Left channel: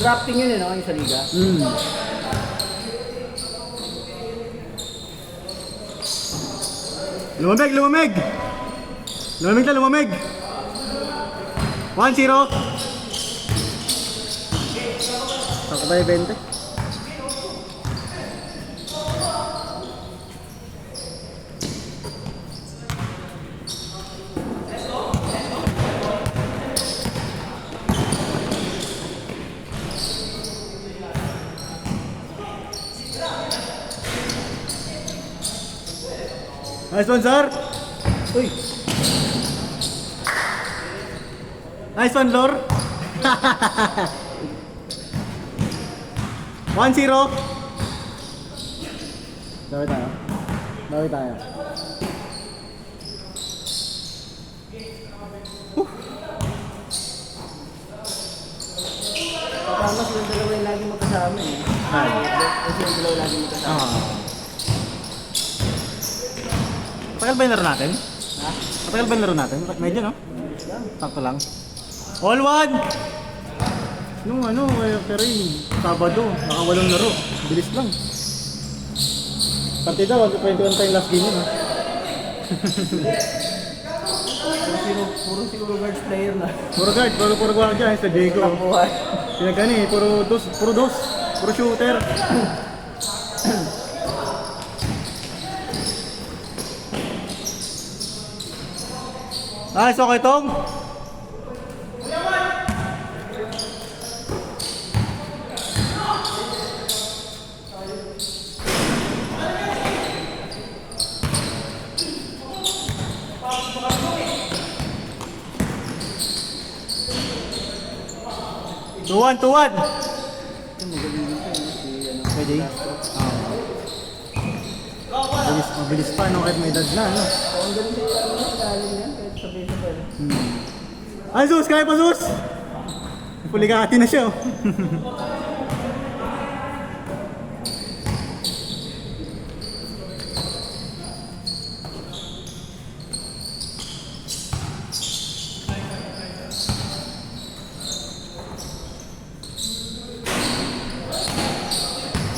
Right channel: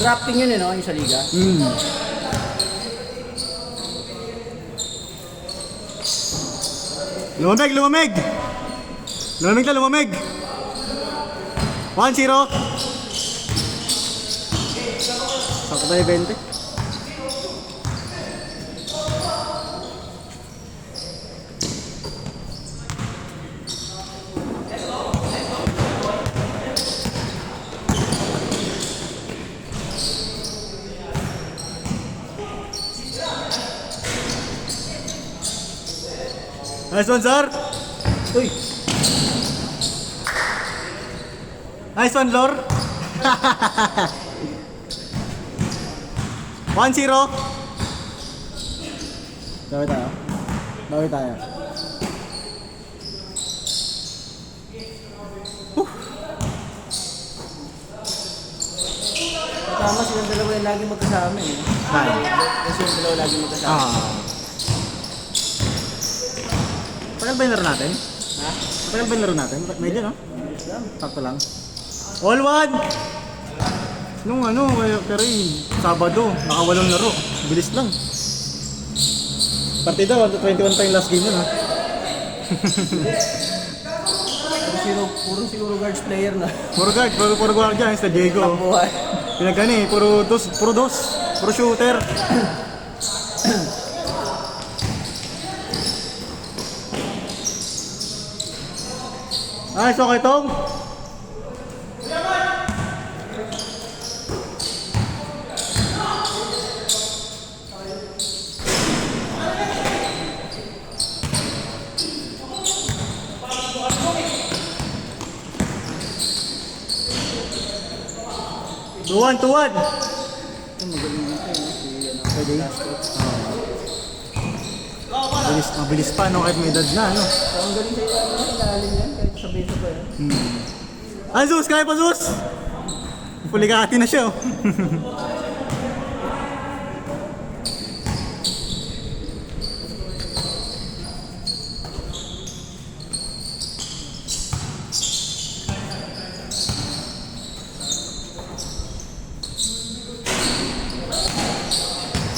Drafting yun no, yung sa liga. Lumamig, lumamig! Lumamig na, lumamig! 1-0. Sako ba yung 20? Nice one, sir! Uy! Nice one, Lor! 1-0. Bawi tayo. Bawi tayo. Tama silang dalawa yung lagi magkasama eh. Kasi yung dalawa lagi magkasama. Tagal ba yung laro natin? Ha? Tagal ba yung laro natin? Medyo, no? Sakto lang. All one! Nung ano, pero yung Sabado, nakawalong laro. Bilis lang. Partida, 21 pa yung last game nun. Puro si Overguards player na. Puro guard, puro guardia, sa Diego. Buhay. Pinagkani, puro dos, puro shooter. Nice, okay tong. Tuwan. Magaling dito no? Si Pwede. Mabilis pa, no? Kahit may edad na, no? Ang galing kayo, lalim yan, kahit sa baseball. Ay, Zus! Kaya pa, Zus! Puligati na siya, oh.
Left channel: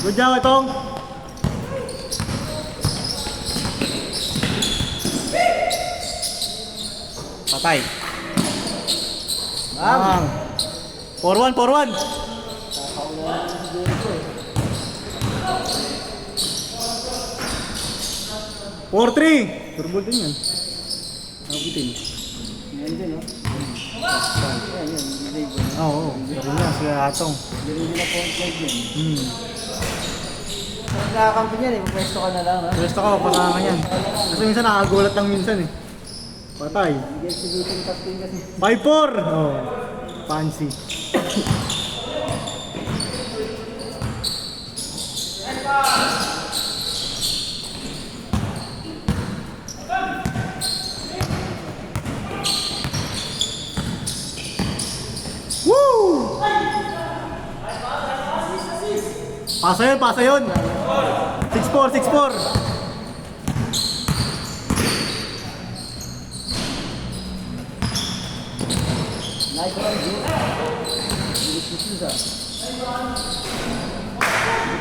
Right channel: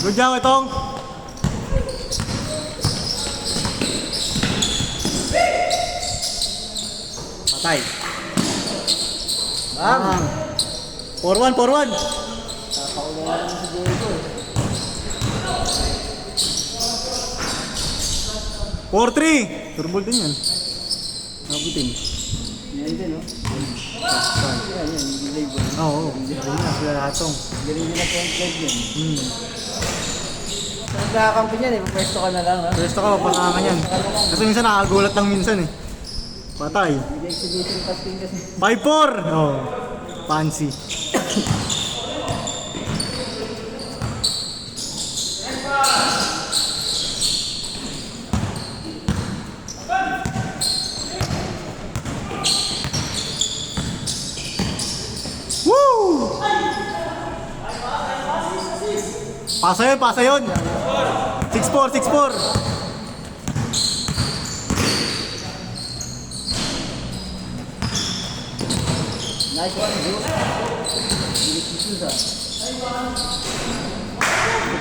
Good job, Itong! Patay. Bam! 4-1. Kakaulan na sa dito. 4-3. Turbol din yun. Nakabutin. Yan din, no? Yan, delay ko. Oo. Yun na, siya atong. Galing mo na po ang club yun. Kung nakakampi niyan eh, pwesto ka na lang, no? Gusto ko, pasangan yan. Kasi minsan nakakagulat lang minsan eh. Patay. Hindi execution casting kasi. 5-4. Oh. Fancy. Woo! Pasa yun. 6-4. Nice one, Juice. Bilis ni Suza.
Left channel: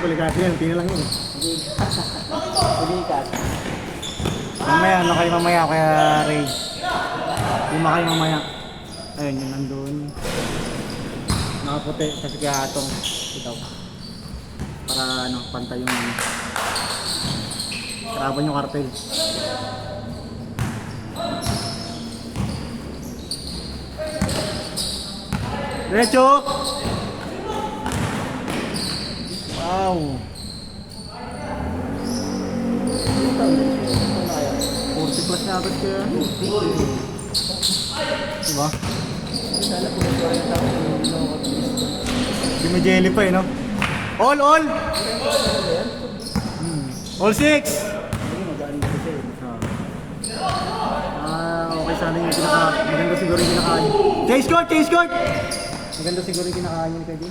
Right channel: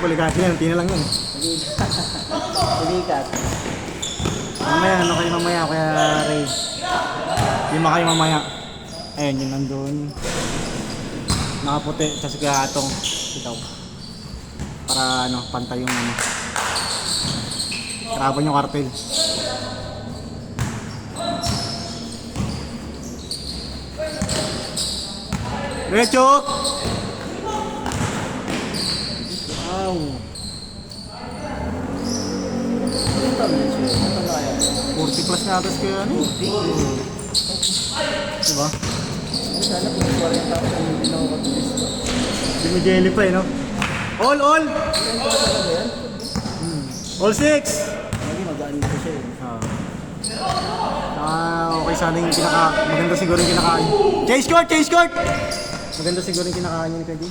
Puligati yan, tina lang yun. Pulikat. Mamaya, ano kayo mamaya kaya Ray? Lima kayo mamaya. Ayun, yun nandun. Nakaputi, kasi kaya atong ito. Para ano, pantay yung ano. Karabon yung kartel. Diretso! Wow! 40 plus nga agad kaya. Diba? Sana kung may 40 ako, hindi lang ako tulis. Hindi may jelly pa eh, no? All! 40 talaga yan? All 6! Hindi, magaan ko siya eh. Okay sana yung kinakain. Maganda siguro yung kinakain. Chase court! Maganda siguro yung kinakain niya ni Kaji.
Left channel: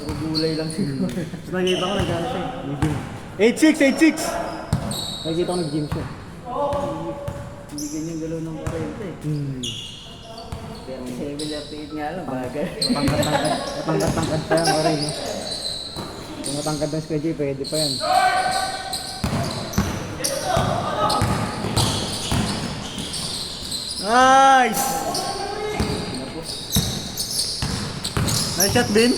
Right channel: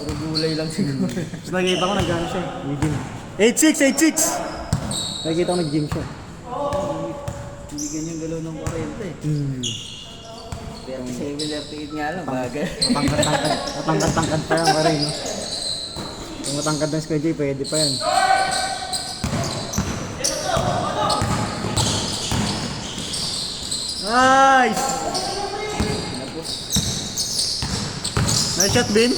Puro gulay lang siguro. Tapos nakikita ko nag-ano siya eh. Nag-gym. 8-6! Nakikita ko nag-gym siya. Hindi ganyan galaw ng 40 eh. 37 FP Patingin nga lang, bagay. Matangkad pa yan pa rin. Kung matangkad ng Squid J, pwede pa yan. Nice! Nice shot, Bin.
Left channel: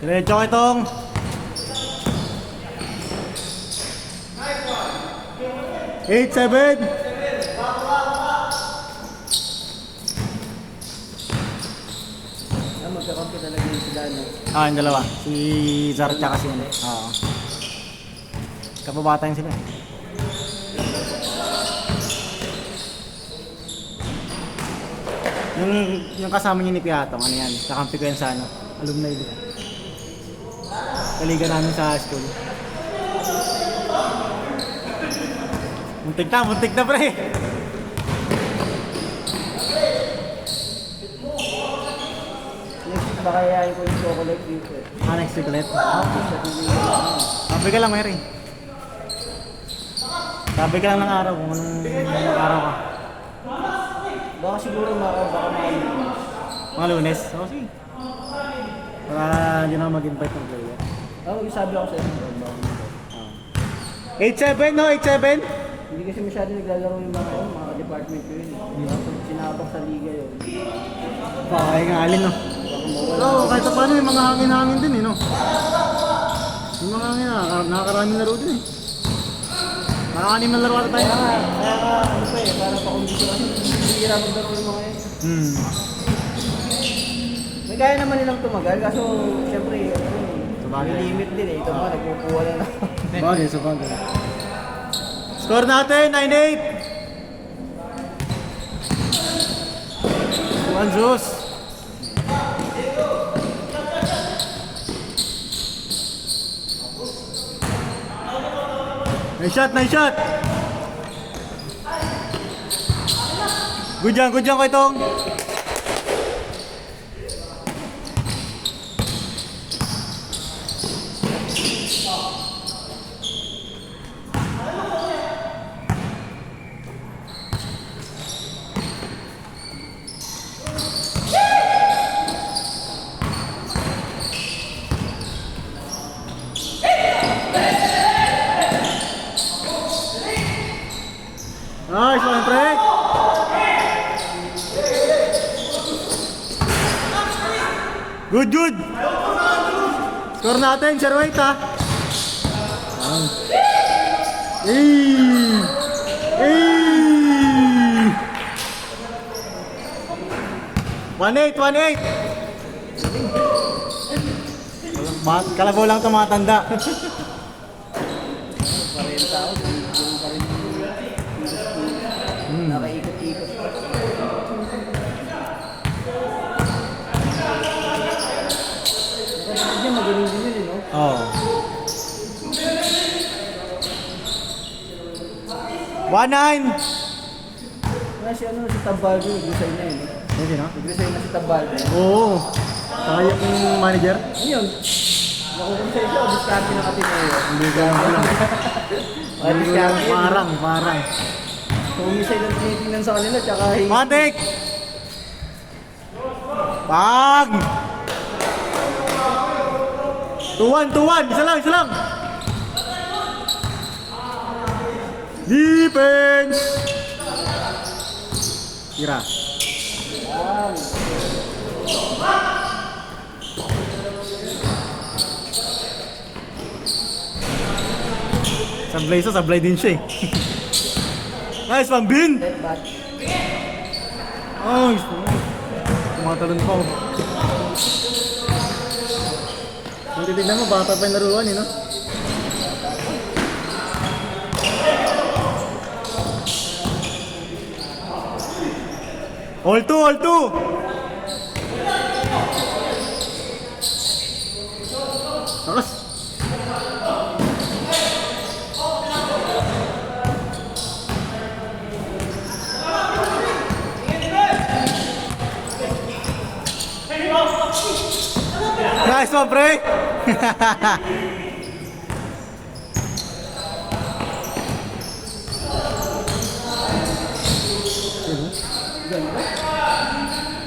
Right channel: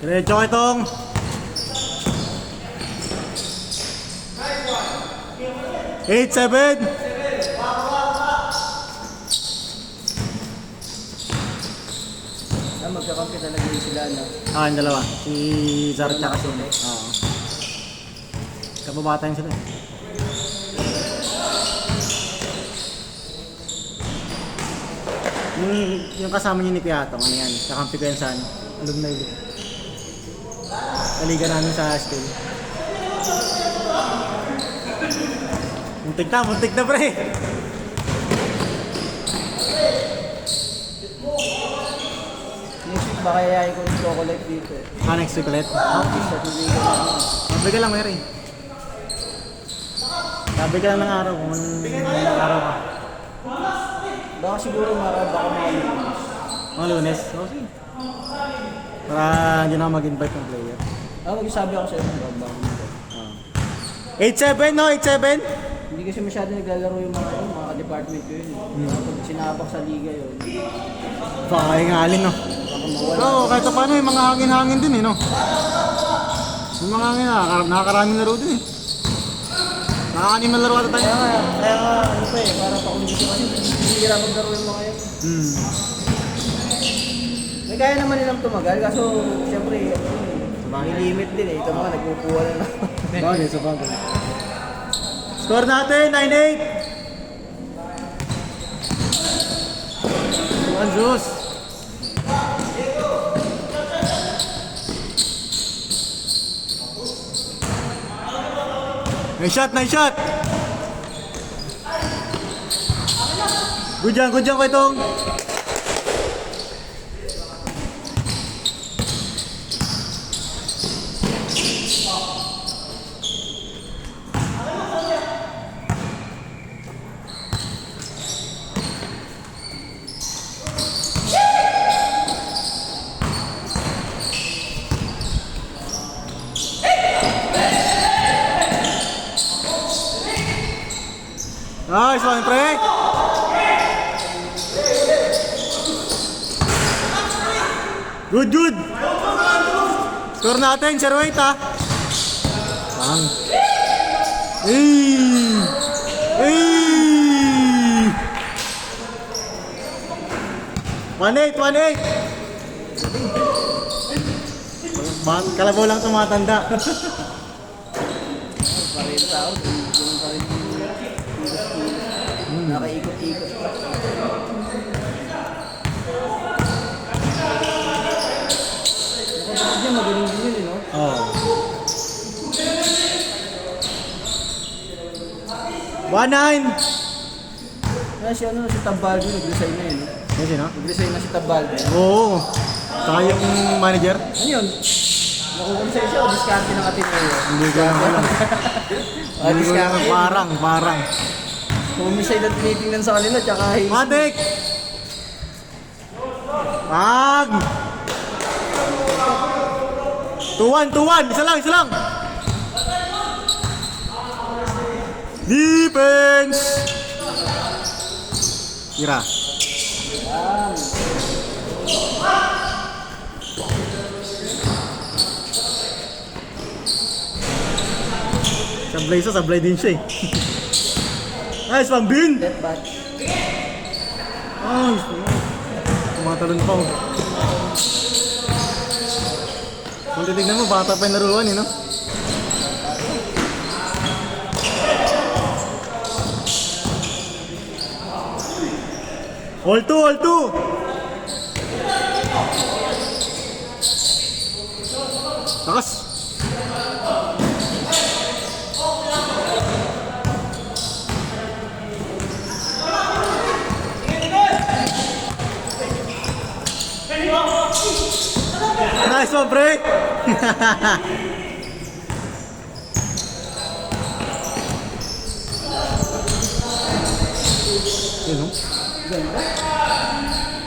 Diretso ko itong 8-7. Magkakampi talaga yung sila na. Yung dalawa. Si Zara tsaka si Ine. Oo. Kapabatayin sila. Yung kasama niyo ni Kuya Atong, ano yan? Kakampi ko yan sa ano? Alumni ulit. Kaliga namin sa school. Muntik na pre! Next week baka yayain ko yung chocolate dito. Next week ulit? Okay. Sabi ka lang, Mary. Sabi ka lang ng araw kung anong araw ka. Baka siguro baka makalimutan. Mga Lunes? Okay. Para dyan ako mag-invite ng player. Sabi ako sa inyo. 8-7 no? 8-7? Hindi kasi masyado naglalaro yung mga department ko yun. Sinapak sa liga yun. Baka nga alin no? Oo, kahit pa paano yung mga hangin-hangin din eh no? Yung mga hangin nakakaraming laro din eh. Nakakanim na laro ata tayo. Kaya ano pa eh, parang pakundisyo kasi hindi nila maglaro yung mga yun. May kaya naman nilang tumagal, kaso siyempre may limit din eh. Ito mga nagkukuha na naman. Bagay, sa bagay. Score natin, 9-8! Anjos! Nice shot, nice shot! Good job ko itong. Nice one, Trey! Good! Score natin, 0-8 ha! Hey! 1-8! Kalabaw lang ito mga tanda. Pareho tao, yung pa rin yung nakaikot-ikot pa. Nakapagod niya, magaling din yun eh, no? Oo. 1-9! Kasi si Tabaldo, nag-resign na yun. Kasi na? Nag-resign na si Tabaldo. Oo. Saka yung manager? Ano yun? Nakukunsay siya o diskarte ng Ateneo? Hindi ko alam. Diskarte yun. Parang. Kumisay ng tinitingnan sa kanila, tsaka Matik! Pag! 2-1! Isa lang! Defense! Tira. Sablay din siya eh. Nice one, Bin! left back. Nice! Tumatalon pa oh. Kung titignan mo, bata pa yung laruan eh, no? All two! Takas! Nice one, pre!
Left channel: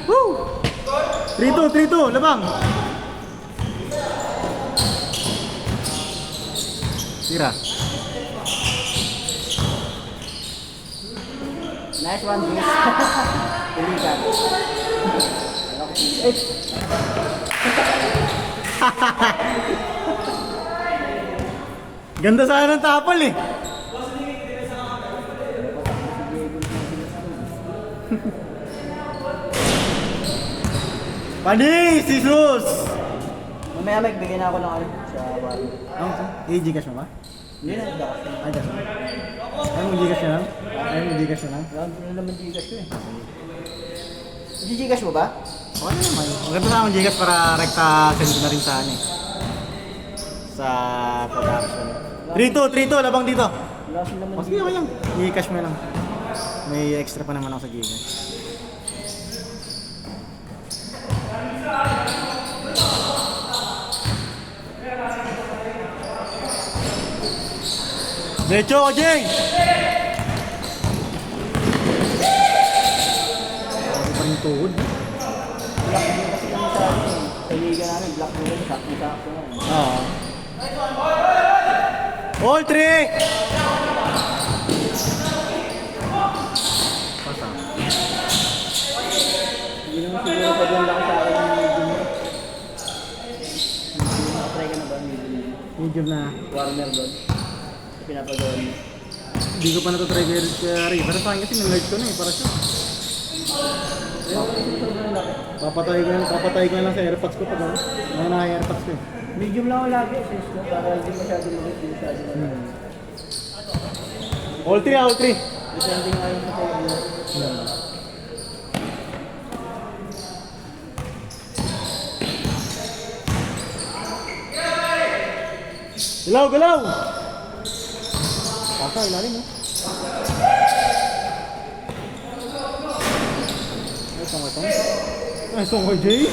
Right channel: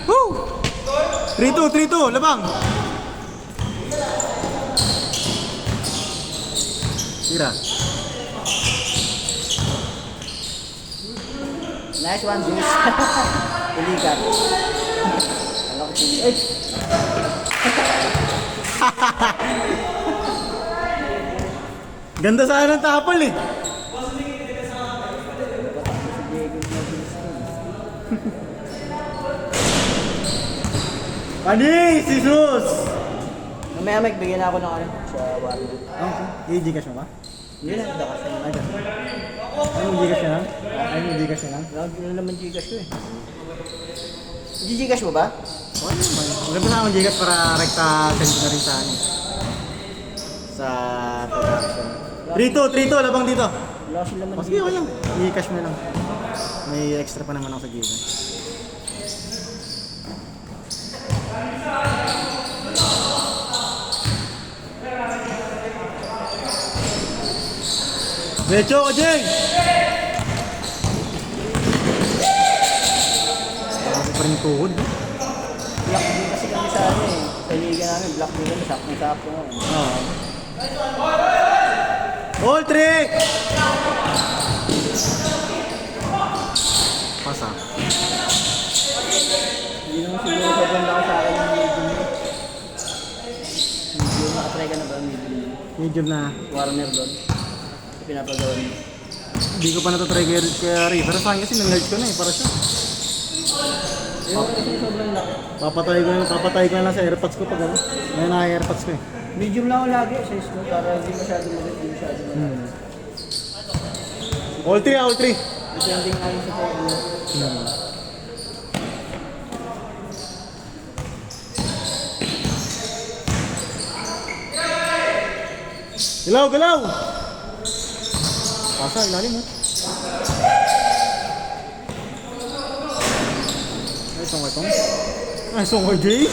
Woo! 3-2, 3-2, labang! Tira. Nice one, Juice. Pilikan. Eh, Ganda sana ng tapal eh. Panis! Jesus! mamaya may bigyan na ako ng ano sa bari. I-Gcash mo ba? Hindi na, dakas na. Ay, dapat. Anong Gcash mo? Anong Gcash mo? Wala na naman Gcash ko eh. Gcash mo ba? Maganda na akong Gcash para rekta send ko na rin sa ano eh. Sa production. 3-2, labang dito. Wala kasi naman. Sige, okay lang. I-cash mo lang. May extra pa naman ako sa gilid. Diretso ko, Jing! Ito rin tuhod. Kasi kami sa ano eh. Sa liga namin, black nila, sakto-sakto nga eh. Oo. All three! Pasang. Hindi naman siguro sa doon lang sa akin ng medium. Try ka na ba medium? Medium na. Warner doon. Pinapagawa niyo. Hindi ko pa natutry kaya River. Saan kasi may-large ko na eh, para siya. Papatay ko na lang sa AirPods ko pag ano. Ngayon na AirPods ko eh. Medium lang ako lagi, sis. No? Para hindi masyado maganda masyado. All three, all three. Depending ayon sa tayo. Galaw, galaw! Pasa, ilalim eh. Ay, saan ka? Ay, saan ka, Jay?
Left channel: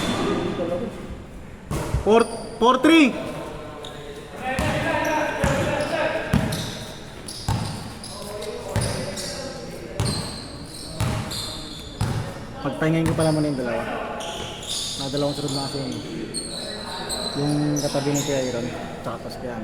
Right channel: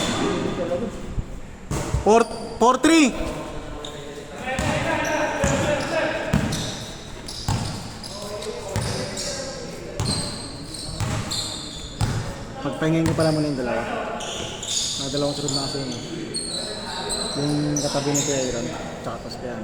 4-3! Pagpahingin ko pala muna yung dalawa. Dalawang sunod na kasi yun. Yung katabi ni Kuya Iron, tsaka Paspian.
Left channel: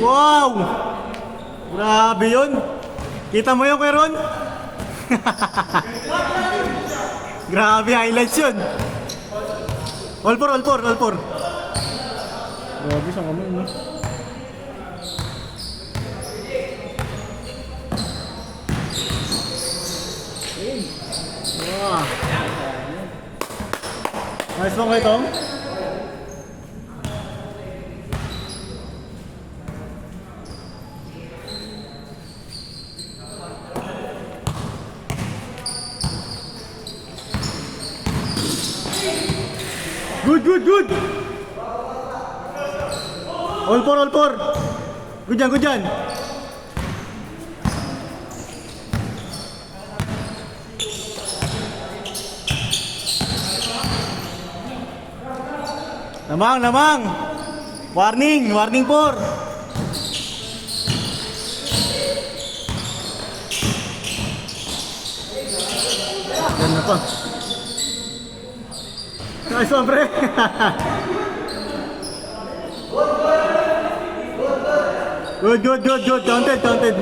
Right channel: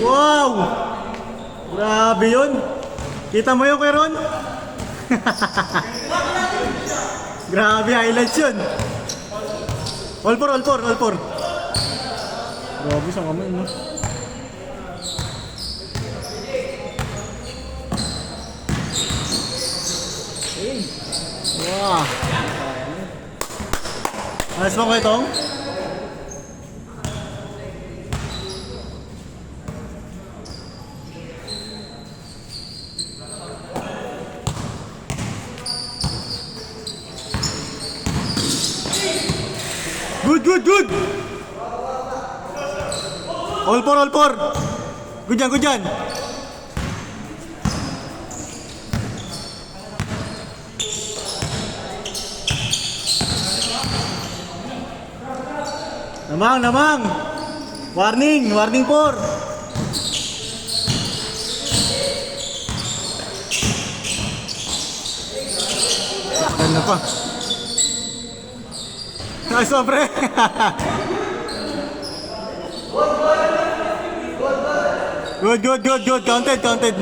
Wow! Grabe yun! Kita mo yun, Kuya Ron? Grabe, highlights yun! All four, all four, all four! Grabe, saan kamay, no? Wow! Nice mo kayo, Tom? Good, good, good! All four, all four! Good yan, good yan! Namang, namang! Warning, warning four! Ganda pa. Nice one, pre! Good, good, good, good. Counted, counted.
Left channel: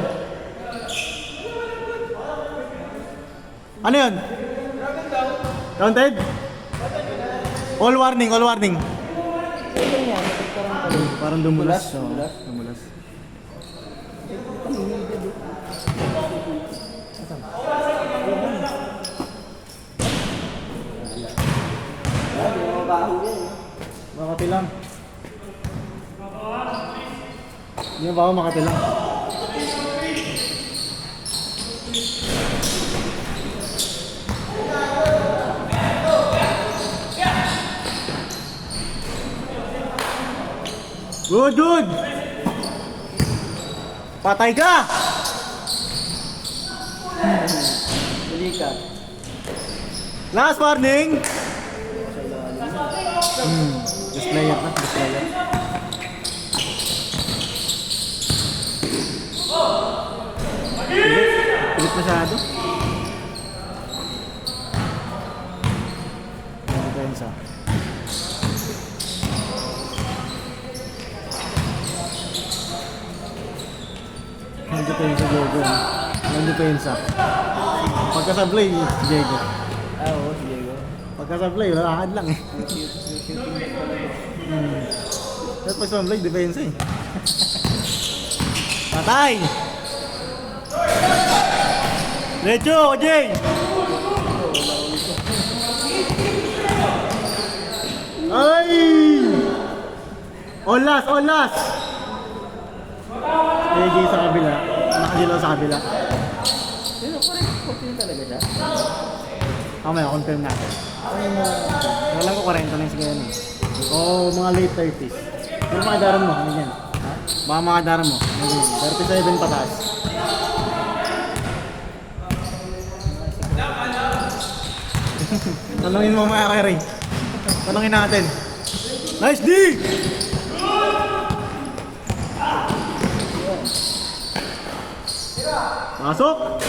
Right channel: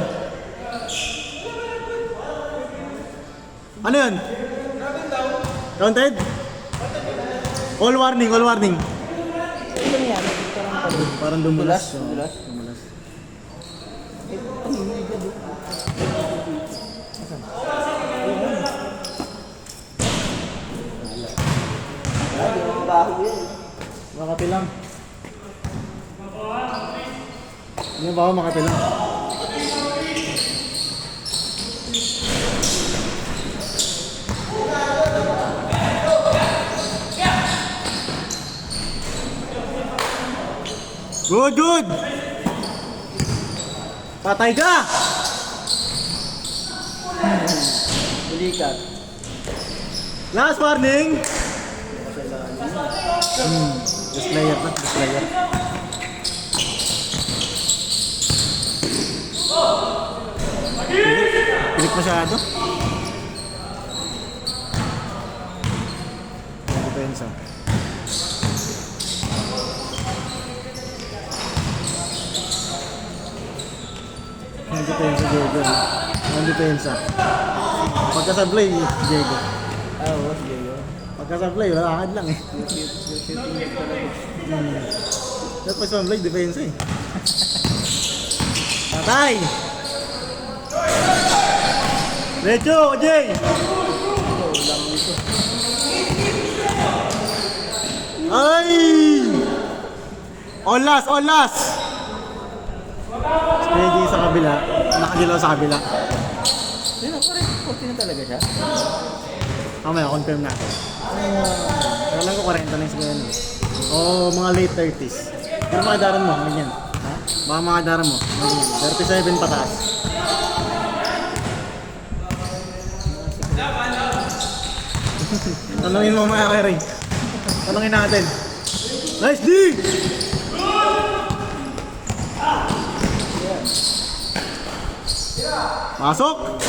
Ano yun? Counted? All warning, all warning. Ano yan? Parang dumulas. Dumulas? Dumulas. Makati lang. Hindi ba ako makati lang? Good, good! Patay ka! Delikat. Last warning! Sa lalim. Displayer pa, displayer. Pilit masyado. Depensa. Ang depensa, Diego. Ang depensa. Pagkasablay, Diego. Oo, si Diego. Pagkasablay, lakad lang eh. Shooting talaga. Pero pagkasablay, depensa eh. Patay! Lecho, Jay! Ay! Olas, olas! Kuya Jay sa kabila. Nakadilaw sa kabila. Pero correct talaga siya. Mamaya, confirm natin. Wala ko 40 na siguro. O mga late 30s. Pero mga daran mo, ganyan. Mga daran mo, ganyan. 37 pataas. Tanungin mo mga kay Ray. Tanungin natin. Nice D! Masok!